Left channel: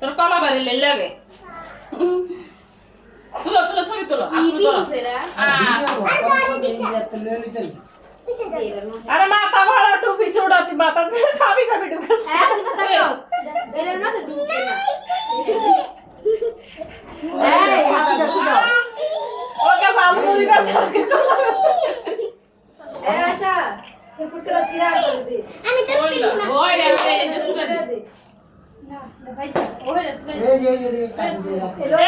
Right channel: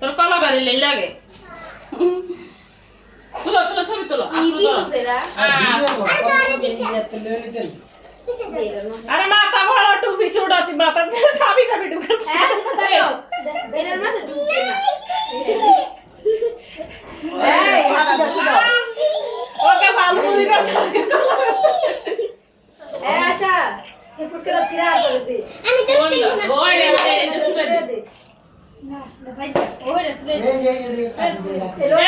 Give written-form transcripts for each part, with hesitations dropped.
তোর কলা বাড়ি লাগে তুলো তুলো ছবি তুলো আরে মাথা ভাড়া টুপি উড়াতি মাথা চাবি চাবি ঢুকেছে ওকে বালুরি না সরকে আশা এ ফুটকে ছিড়া করে দে আমি তো ওই এটা সুটা দে না না ভাই ওই রেসলে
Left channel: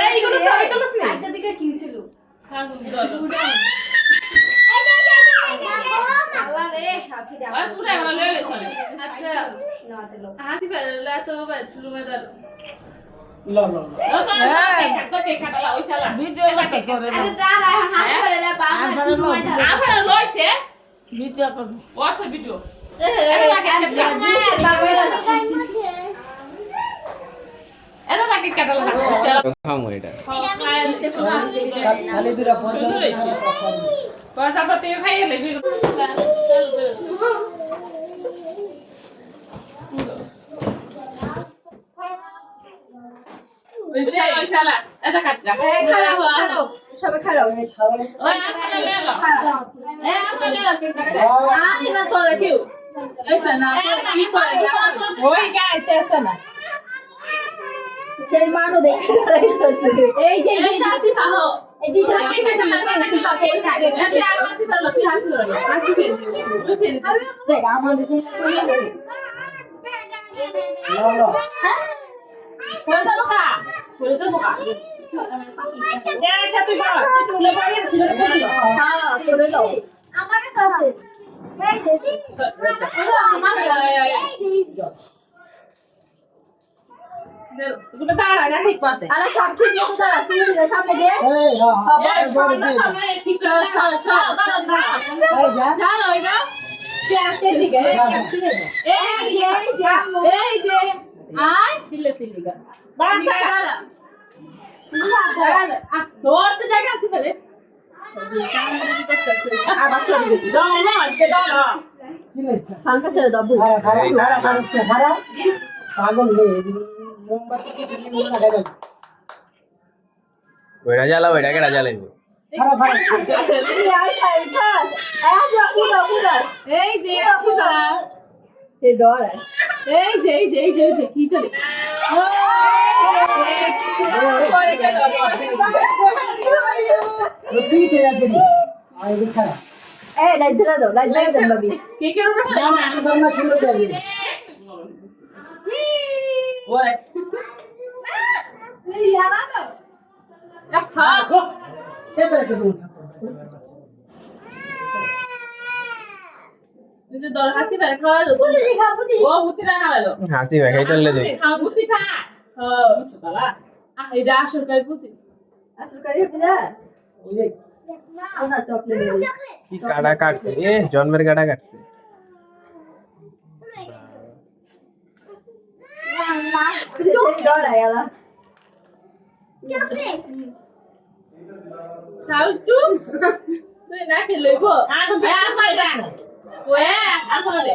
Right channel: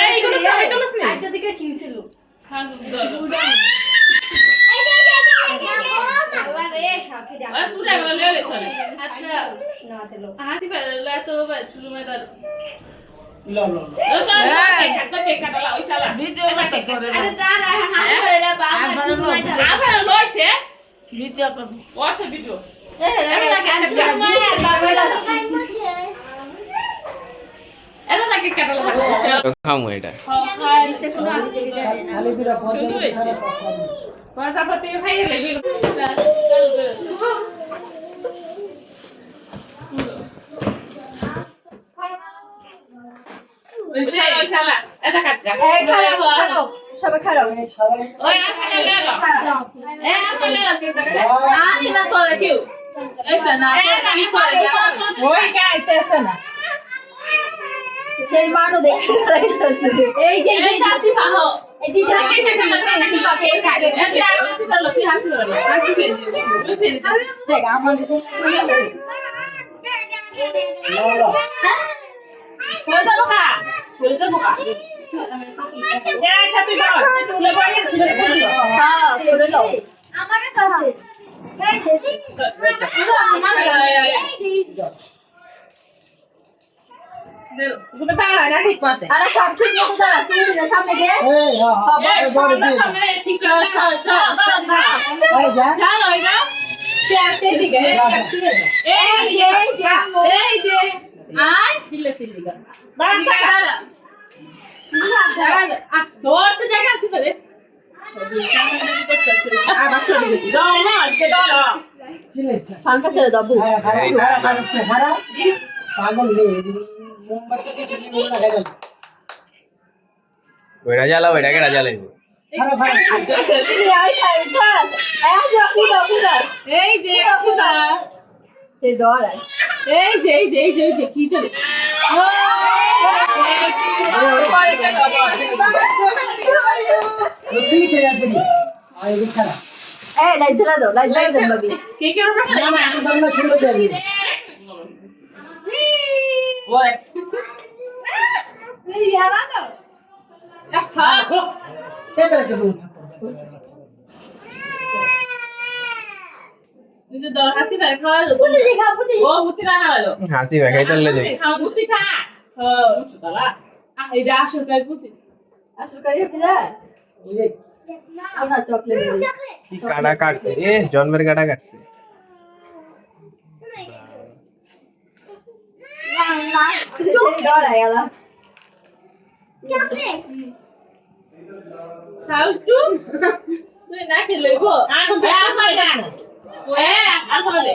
এই গুলো ছবি তুলছ না একটা দিকে কি ছিল হ্যাঁ গুলো আল্লাহ রে হাফি দে আর সুটা ভালো লেলে সরি আচ্ছা না তেলো হাতি বেলা তো চুলু মেদার লো লো কে কাটালা ওই সালা ভিডিও করতে করে আরে যা রায়হান হাত করে লে বাবা চুলু মাই ধর আমরা লইছে ভিডিও করব ওয়াটস ভিডিও এ রে তাকে আনছে মায়ের বাবা এটা তাকে কাটালা খামু এটা খালি দুরা পঞ্চাশ পয়সা পাতে ভাই লেবি ওই শালা এটা কাট গা খারাপ সবে খারাপ ওই আপনি লে লো এ আপনি লে লো আনি না তোরে কিউ এটা না কি করে ওই গাইতেছে না ছেড় মানো দেখে রাইতেছে এই যে এই কাশি পাহো এই যে এই যে কাশি পাহো এই কাটে এই কাশি পাহো তুই হাসি করো হাসি ফেল বুঝছেন দেখ আমার দেখে কই দাও কা কই দাও কা এই সাথে দাও তুই লে বাইরে ছিলে বলি হ্যাঁ বলে দাও আমার কাছে আছে এই যে তুমি দাঁড়া ঠিক পাতে আরে সব ঠিক মতো দাঁড়া সুবিধা সামনে দে এই হ্যাঁ এই বড় সামনে ঠিক আছে এই যা জানো এটা তে দিকে এই যে আয় ছিলে ছিলে দাঁড়া দাঁড়া আর ধরতে জায়গা আছে ফেলে আবার সরে গেছি দাও না আজকে দাও না চিলিস ফাঙ্কা ছেড়ে দাও খারাপ পাগল রে মোমবাতি কে দিলি না লাগাই ওইটা জ্বালাও এটাকে জ্বালাইবো খারাপ এই যে অফিসা সে ডর এই যে কি চলে তুই চলে যাচ্ছে আই খারাপ এই লাইট জ্বালা দাও বাবি কে কে রুমে না শুনতে যাবি ওই এই ইয়ারা দাও হ্যাঁ কে বের করে তুই দর হাসি ভাই খাওয়া দাও বুঝি দেখা বুঝি ও মুতি না হারালো হাসি ভাই চললে যাই খাও মুতি খা হ্যাঁ মুতলা এই রাশন কাই মুতি আসল করি হতে যা ওই না চকলেট কি কাটা কাটছে এ জন্মের কাটা কাটছে ডর আয়ালা খাও তু তুই না খেলইবো আগুন দে আর মাই দে ওয়ে আর খাবে